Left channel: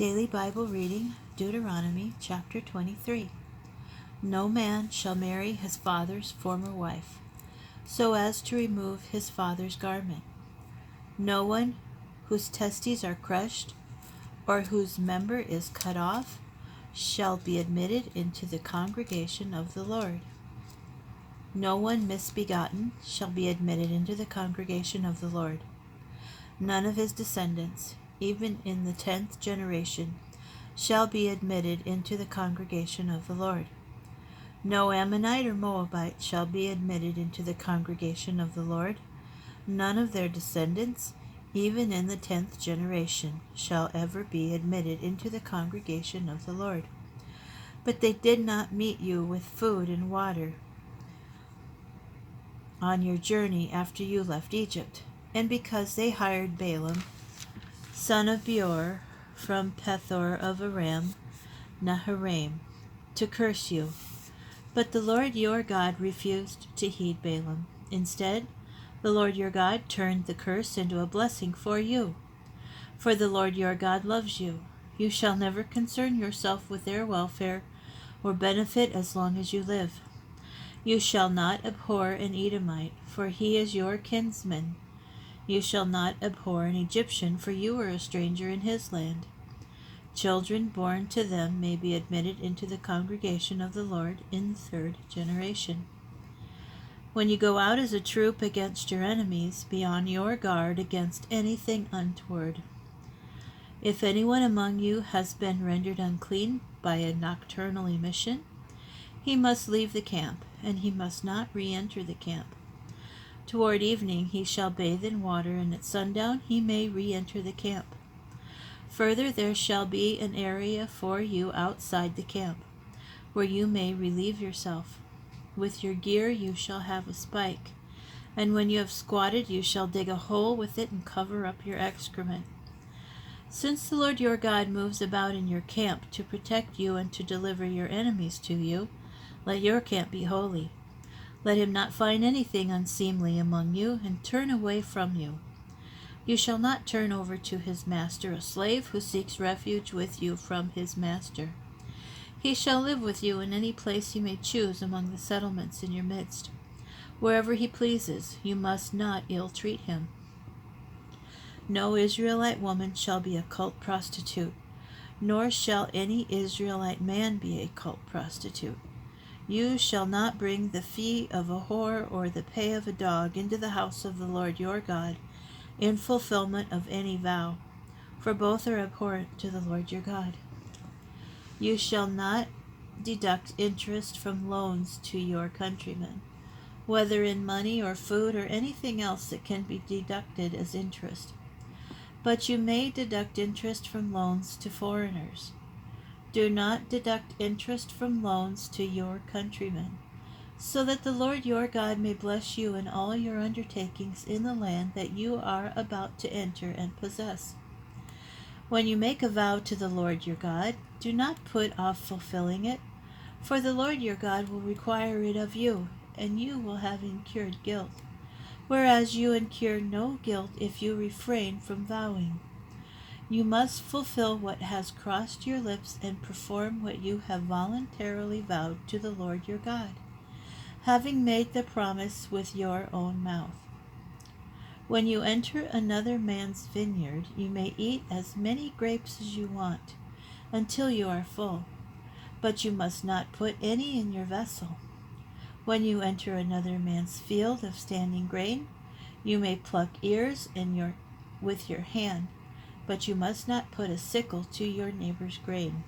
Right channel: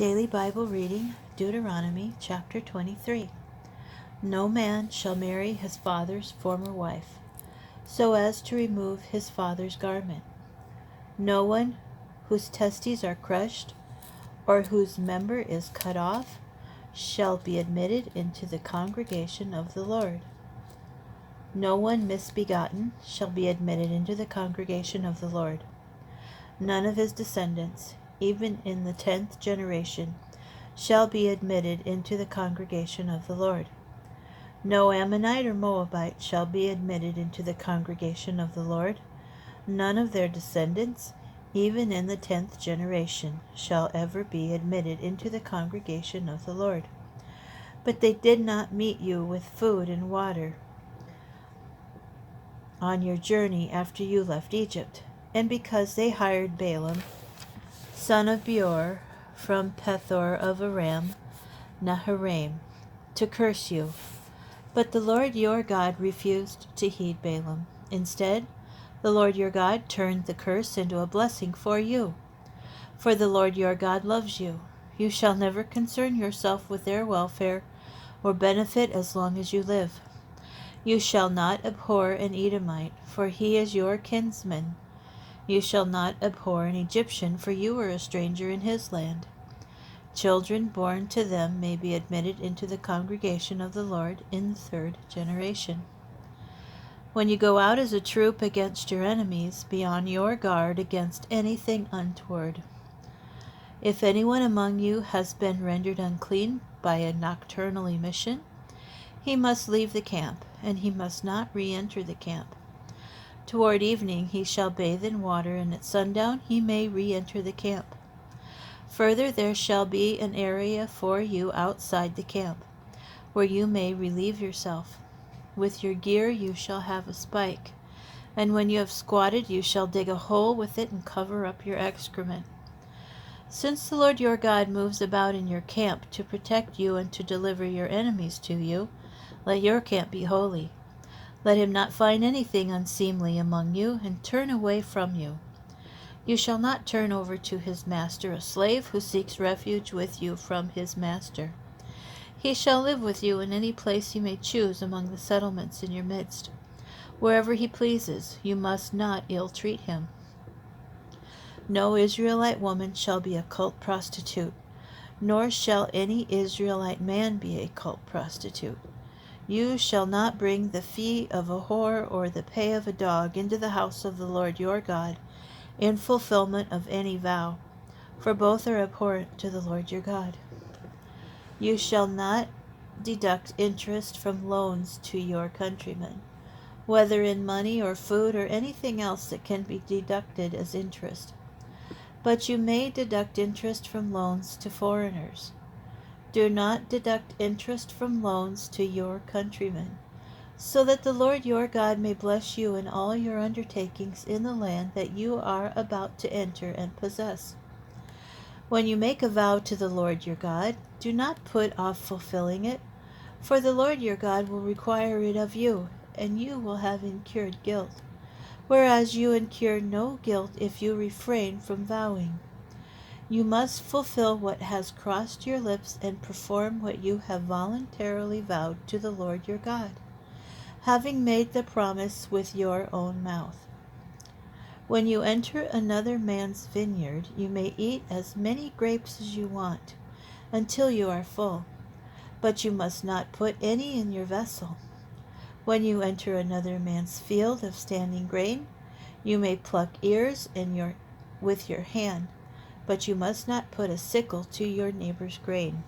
Daily Bible reading, Deuteronomy chapter 23. No man shall marry his father's former wife, so as to remove his father's garment. No one whose testes are crushed, or whose member is cut off, shall be admitted into the congregation of the Lord. No one misbegotten shall be admitted into the congregation of the Lord. None of his descendants, even in the 10th generation, shall be admitted into the congregation of the Lord. No Ammonite or Moabite shall be admitted into the congregation of the Lord. None of their descendants, even in the 10th generation, shall ever be admitted into the congregation of the Lord. But they did not meet you with food and water on your journey after you left Egypt, and because they hired Balaam, son of Beor, from Pethor of Aram Naharaim, to curse you. But the Lord your God refused to heed Balaam. Instead, the Lord your God turned the curse into a blessing for you. For the Lord your God loves you. You shall never concern yourself with their welfare or benefit as long as you live. You shall not abhor an Edomite, for he is your kinsman. You shall not abhor an Egyptian, for you are a stranger in his land. Children born to them may be admitted into the congregation of the Lord in the 3rd generation. When you go out as a troop against your enemies, be on your guard against anything untoward. If anyone among you has been rendered unclean by a nocturnal emission, he must leave the camp, and he must not re-enter the camp. Toward evening he shall bathe in water, and at sundown he may re-enter the camp. Further, there shall be an area for you outside the camp, where you may relieve yourself. With your gear you shall have a spike, and when you have squatted you shall dig a hole with it and cover up your excrement. Since the Lord your God moves about in your camp to protect you and to deliver your enemies to you, let your camp be holy. Let him not find anything unseemly among you, and turn away from you. You shall not turn over to his master a slave who seeks refuge with you from his master. He shall live with you in any place you may choose among the settlements in your midst. Wherever he pleases, you must not ill-treat him. No Israelite woman shall be a cult prostitute, nor shall any Israelite man be a cult prostitute. You shall not bring the fee of a whore or the pay of a dog into the house of the Lord your God in fulfillment of any vow, for both are abhorrent to the Lord your God. You shall not deduct interest from loans to your countrymen, whether in money or food or anything else that can be deducted as interest. But you may deduct interest from loans to foreigners. Do not deduct interest from loans to your countrymen, so that the Lord your God may bless you in all your undertakings in the land that you are about to enter and possess. When you make a vow to the Lord your God, do not put off fulfilling it, for the Lord your God will require it of you, and you will have incurred guilt, whereas you incur no guilt if you refrain from vowing. You must fulfill what has crossed your lips and perform what you have voluntarily vowed to the Lord your God, having made the promise with your own mouth. When you enter another man's vineyard, you may eat as many grapes as you want, until you are full, but you must not put any in your vessel. When you enter another man's field of standing grain, you may pluck ears with your hand, but you must not put a sickle to your neighbor's grain.